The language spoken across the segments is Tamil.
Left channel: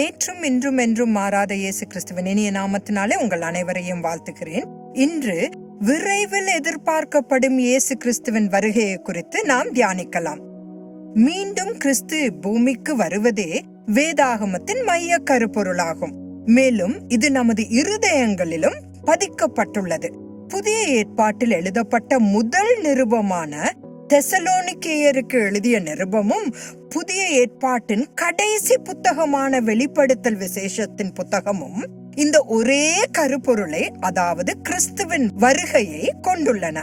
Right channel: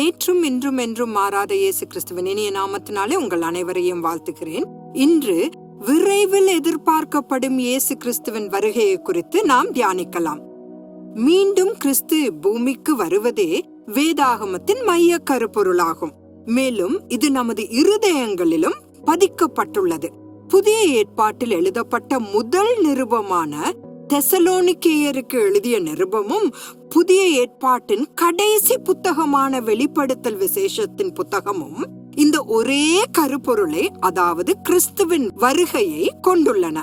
நேற்றும் இன்றும் என்றும் மாறாத இயேசு கிறிஸ்துவின் இனிய நாமத்தினாலே உங்கள் அனைவரையும் வாழ்த்துகிறேன். இன்று விரைவில் எதிர்பார்க்கப்படும் இயேசு கிறிஸ்துவின் வருகையை குறித்து நாம் தியானிக்கலாம். மீண்டும் கிறிஸ்து பூமிக்கு வருவதே வேதாகமத்தின் மைய கருப்பொருளாகும். மேலும் இது நமது இருதயங்களிலும் பதிக்கப்பட்டுள்ளது. புதிய ஏற்பாட்டில் எழுதப்பட்ட முதல் நிருபமான தெசலோனிக்கேயருக்கு எழுதிய நிருபமும் புதிய ஏற்பாட்டின் கடைசி புத்தகமான வெளிப்படுத்தல் விசேஷத்தின் புத்தகமும் இந்த ஒரே கருப்பொருளை அதாவது கிறிஸ்துவின் வருகையை கொண்டுள்ளன.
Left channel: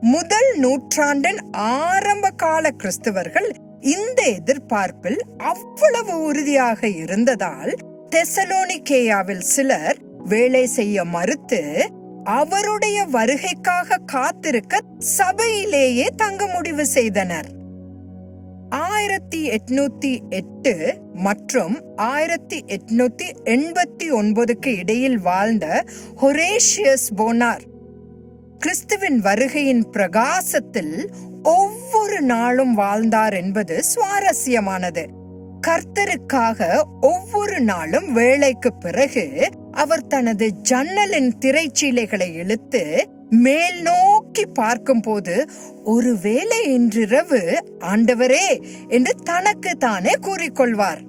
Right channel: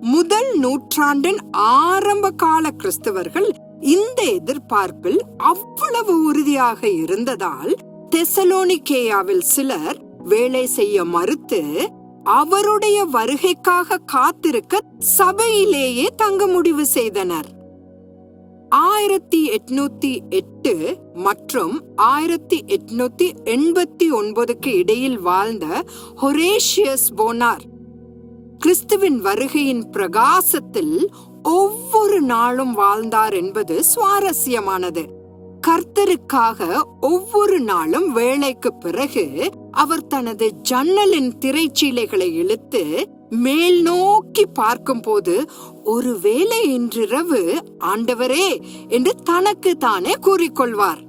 முதல் நூற்றாண்டின் ஆரம்ப கால கிறிஸ்தவர்கள் இந்த எதிர்பார்ப்பில் அவ்வளவு உறுதியாக இருந்ததால் தெசலோனிக்கேயாவில் சிலர் வேலை செய்ய மறுத்து அவருடைய வருகைக்காக காத்திருக்க சபையிலேயே தங்க முடிவு செய்தனர். ஆயிரத்தி எட்நூத்தி எட்டு மற்றும் ஆயிரத்தி எட்நூத்தி எண்பத்தி ஒன்பதுக்கு இடையில் வாழ்ந்த ஹொரேஷியஸ் போனார். கிறிஸ்துவின் வருகையின் பிரகாசத்தில் ஒவ்வொரு நாளும் வாழ்ந்தார் என்பது சுவாரஸ்யமானது. கர்த்தருக்காக ஒவ்வொரு நாளும் வேலைக்கு பிறகு அவர் தனது ஜன்னலின் திரைச்சீலைகளை இழுத்து மேல் நோக்கி பார்க்கும்போது ஒருவேளை இன்றிரவு ஆண்டவரே என்று தனக்கு தானே கூறிக்கொள்வார்.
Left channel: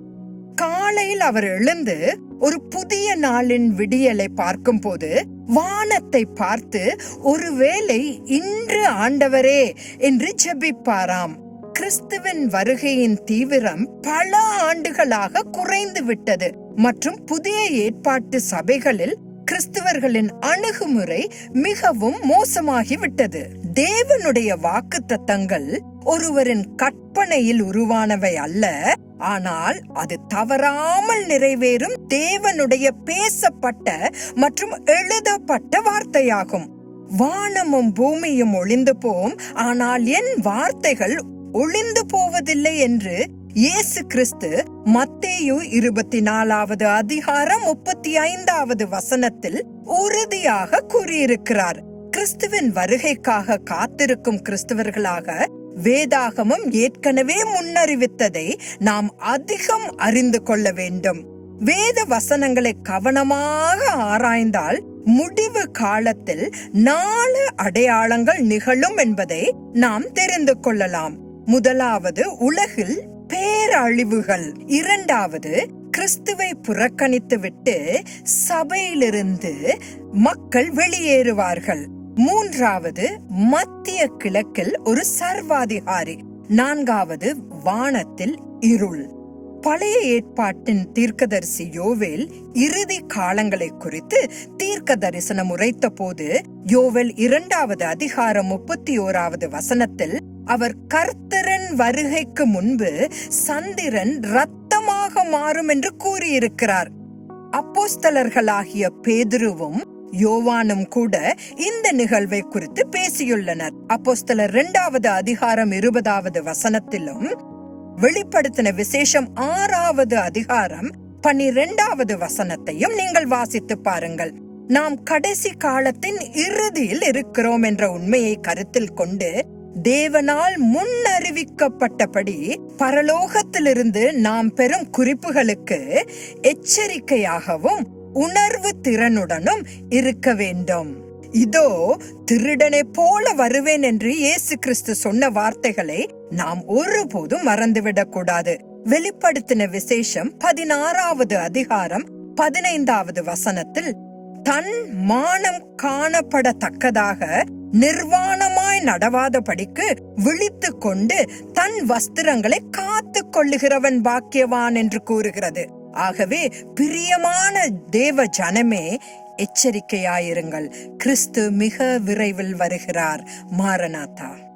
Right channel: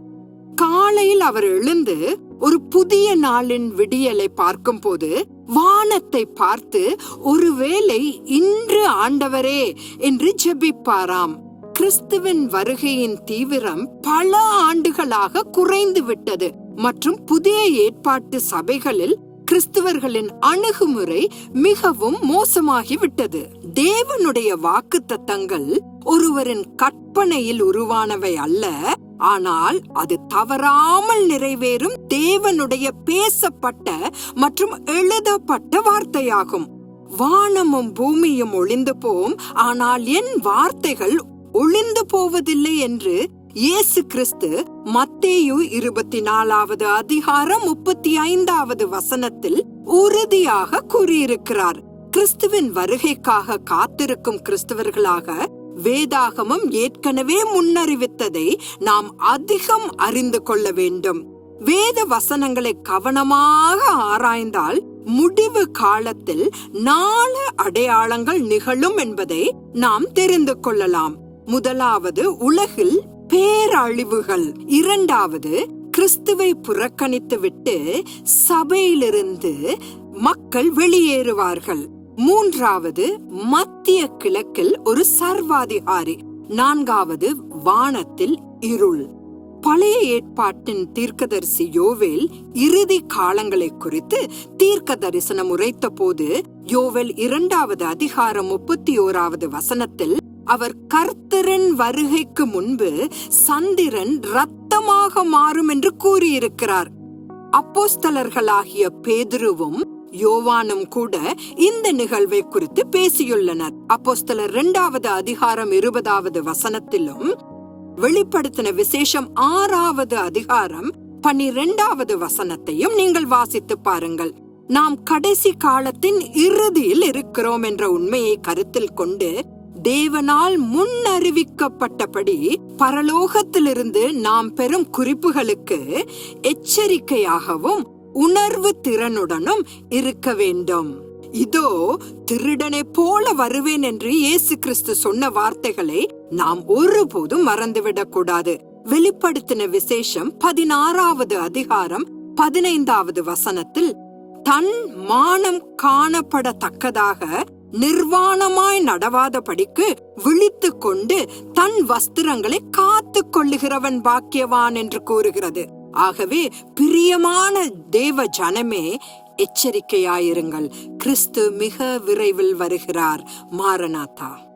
காலையில் அவர் எழுந்து ஒரு புதிய நாளின் விடியலை பார்க்கும்போது வானத்தை பார்த்து ஒருவேளை இன்று ஆண்டவரே என்று ஜெபிப்பாராம். கிறிஸ்துவின் வருகையின் தீவிரம் பல ஆண்டுகளாக குறைந்து விட்டது மற்றும் புதிய ஏற்பாட்டு சபைகளில் கிறிஸ்துவர்களின் அணுகுமுறை மிகவும் மோசமாகிவிட்டது. தேவனுடைய வாக்கு தத்தங்கள் ஒருவரின் கற்பனையில் உருவானவை அல்ல ஆனால் அது தவறாமல் நிறைவேறும் தேவனுடைய பேசப்பட்ட மற்றும் எழுதப்பட்ட வார்த்தையாகும். வானமும் பூமியும் ஒளிந்து போம் ஆனால் என் வார்த்தைகள் ஒளிந்து போவதில்லை என்று இயேசு கிறிஸ்து மத்தேயு இருபத்தி நாலாவது அதிகாரம் முப்பத்தி ஐந்தாவது வசனத்தில் உறுதியாக கூறியிருக்கிறார். கிறிஸ்துவின் வருகைக்காக காத்திருக்கும் கிறிஸ்தவர்களாக வேதாகமம் ஏற்கனவே முன்னறிவித்ததை நாம் அதிகம் அறிந்து கொள்ள வேண்டும். வேத வசனங்களை கவனமாக ஆராய்ந்தால் முடிவு காலத்தில் நாலு அடையாளங்கள் நிகழும் என்பதை நாம் தெரிந்து கொள்ளலாம். முதலாவது உலகில் பேரழிவுகள். இரண்டாவது கிறிஸ்துவை புறக்கணித்துவிட்டு சபையிலிருந்து மக்கள் வெளியேறுவார்கள். மூன்றாவது மத்திய கிழக்கில் ஒரு சர்வாதிகாரி. நான்காவது வானத்தில் இருள். பழைய ஏற்பாட்டின் தீர்க்கதரிசி யோவேல் இறுதி காலங்களை குறித்து தீர்க்க தரிசனம் உரைத்த போது யோவேல் இரண்டாவது அதிகாரம் முப்பத்தி ஓராவது வசனத்தில் அவர் கர்த்தரன் வருகைக்கு முன்பு சந்திரன் ரத்தமாக மாறும் என்று கூறியிருக்கிறார். அப்போஸ்தலர்களாகிய பேதுருவும் யோவானும் கூட இந்த நிகழ்வை குறித்து பேசியுள்ளனர். அப்போஸ்தலர் இரண்டாவது அதிகாரம் இருபதாவது வசனத்திலும் வெளிப்படுத்தின விசேஷம் ஆறாவது அதிகாரம் பனிரெண்டாவது வசனத்தையும் நீங்கள் வாசித்து பாருங்கள். நாம் கடைசி காலத்தின் இறுதியில் இருக்கிறோம் என்ற உண்மையை கருத்தில் கொண்டு தேவனால் முன்னறிவிக்கப்பட்டபடி பரலோகத்திலிருந்து நாம் பெறும் குறிப்புகளுக்கு எச்சரிக்கையாகவும் உணர்வு திறனுடனும் இருக்க வேண்டும். இதோ திருடனை போல வருவேன் என்று இயேசு கிறிஸ்து சொன்ன வார்த்தைகளை நாம் ஒருபோதும் மறந்துவிடக் கூடாது. வெளிப்படுத்தின விசேஷம் பதினாறாவது அதிகாரம் பதினைந்தாவது வசனத்தில் தன் மானம் காணப்படத்தக்கதாக நிர்வாணமாய் நடவாதபடிக்கு விழித்து கொண்டு தன் வஸ்திரங்களை காத்து கொள்ளுகிறவன் பாக்கியவான் என்று கூறுகிறது. ஆகவே பிரியமான தேவ ஜனமே எச்சரிக்கையாயிருங்கள். கிறிஸ்து மிக விரைவில் வருகிறார். மாரநாதா.